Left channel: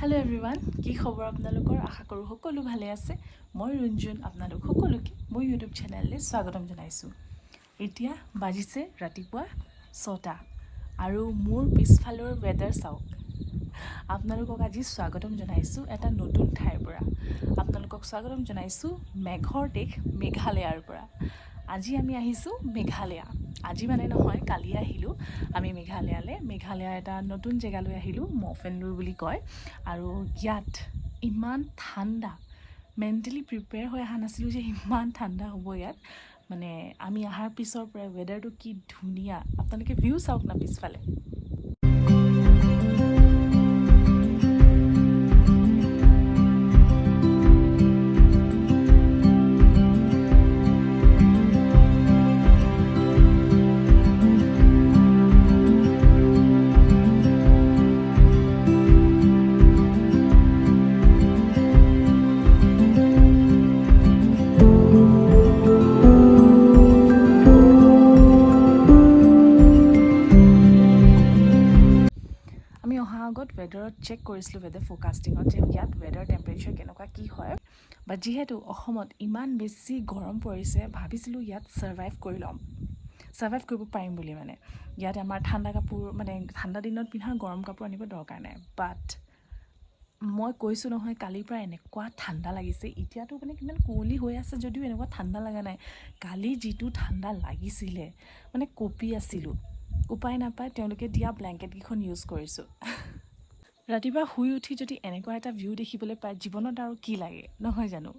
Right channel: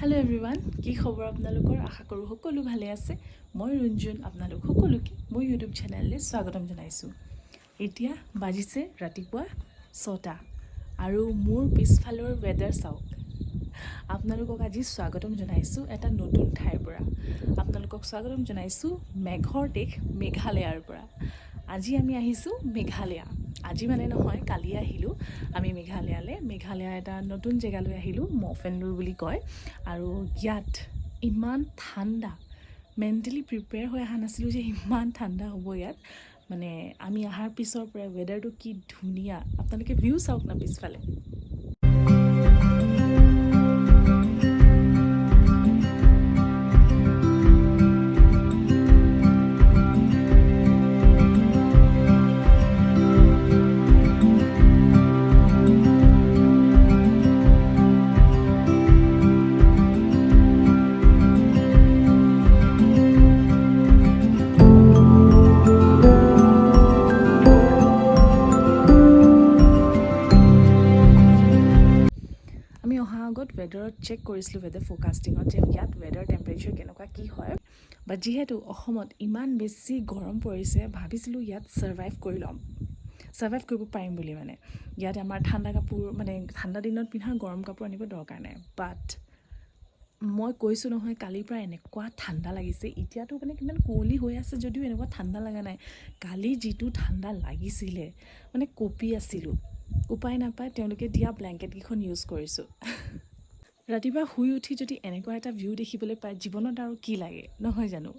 Hello' everyone, কি খবৰ আপোনালোকৰ? আশা কৰোঁ সকলো ভালে আছে। মই ৰঞ্জুন, আপোনালোক সকলোকে মোৰ ইউটিউব চেনেললৈ স্বাগতম জনাইছোঁ। এতিয়া বাজিছে ৰাতিপুৱা 6টা আৰু মোৰ পিছফালৰ ৱেডাৰ চাওক। আপোনালোকক আজি স্বাগতম জনাইছোঁ এটা নতুন ঠাইৰ পৰা। আপোনালোকক স্বাগতম জনাইছোঁ মেঘৰ দেশ মেঘালয়ৰ পৰা। আজি আমি আহিছোঁ মেঘালয়া। আজি মানে নহয়, কালি আহিলোঁ আমি মেঘালয়ালৈ। মেঘালয়া এটা নতুন জেগালৈ আহিলোঁ, মফেনডুৰ বুলি কয়। আৰু ইয়াত ইমান ঠাণ্ডা, মেণ্টেলি প্ৰিপেয়াৰ হৈ অহা নাছিলোঁ যে ইমান ঠাণ্ডা হ'ব ইয়াত। মানে আমি অহাৰ পিছৰ পৰাই ৱেডাৰটো কি ধুনীয়া। আপোনালোকে ভিউ চাওক না পিছফালে। আমি অহাৰ আগত ৱেডাৰত চেক কৰিছিলোঁ, ৱেডাৰ ফ'ৰকাষ্টিঙত, যে ইয়াত ৱেডাৰ টেম্পাৰেচাৰ কেনেকুৱা কি হয়। বাট যিহেতু অসমত ইমান বেছি গৰম পৰিছে, ভাবিছিলোঁ ইয়াত ছাৰ্ভাইভ কৰিব পাৰিম বুলি। মানে ইয়াত আমাৰ ঠাণ্ডা কাপোৰ, মানে ঠাণ্ডা দিনত পিন্ধা গৰম কাপোৰ আনিব দৰকাৰ নাই। বাট মই কৈছোঁ নহয়, কালিৰ পৰা এনেকুৱা ঠাণ্ডা লাগিছে। এতিয়াতো মানে কিমান কুঁৱলী হৈ আছে যদিও এনেকুৱা ঠাণ্ডা লগা নাই। কালি যিটো ঠাণ্ডা লাগিছিলে, মানে কঁপি আছিলোঁ। উপায় নাপায় তেওঁলোকে দিয়া ব্লেংকেটকেইখন ইউজ কৰিছোঁ। ৰাতিপুৱা শুই উঠি যদি এনেকুৱা এটা ভিউ দেখিবলৈ পায়, জীৱনত আৰু কি লাগে, নহয় জানো?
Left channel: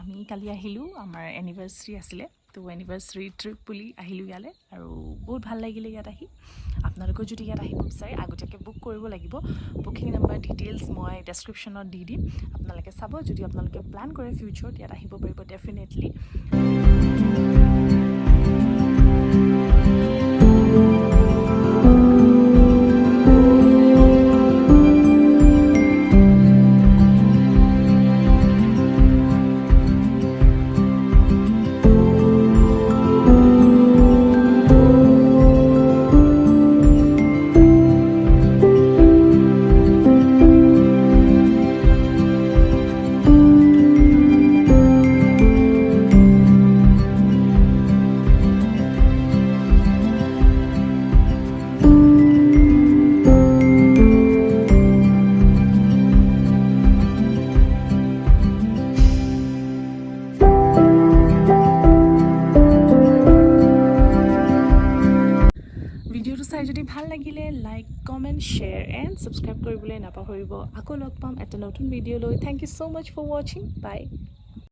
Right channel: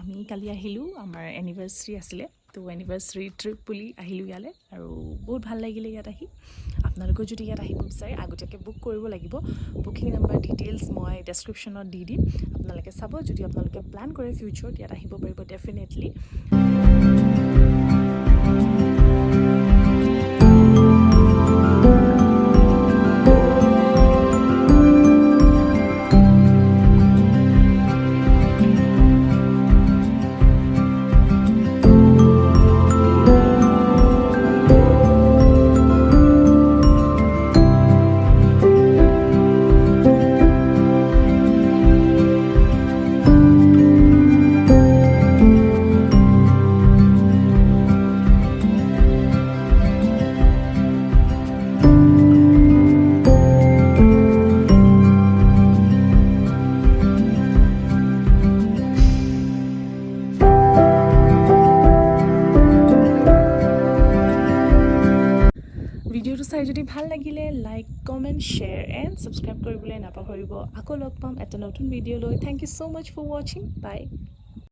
আমি কালি আহিলোঁ, আমাৰ এনিভাৰ্চাৰী আছিলে। তো এনিভাৰ্চাৰী ট্ৰিপ বুলি আহিলোঁ ইয়ালৈ, আৰু বহুত ভাল লাগিলে ইয়াত আহি। আপোনালোকেও যদি ইয়াত আহিব বিচাৰে আগতীয়াকৈ বুক কৰিব লাগিব। বুকিং নাম্বাৰ ডিটেইলছ মই ডেছক্ৰিপশ্যনত দি দিম, আপোনালোকে চাব। যদি আপোনালোকে প্লান কৰে ফিউচাৰত ইয়াত আহিব পাৰিব ডেফিনেটলি। ভিডিঅ'টো চাই যদি ভাল লাগিলে like, comment, share and subscribe কৰিবলৈ নাপাহৰিব। আকৌ লগ পাম এটা নতুন ভিডিঅ'লৈ। Thank you so' much for ৱাচিং। বাই।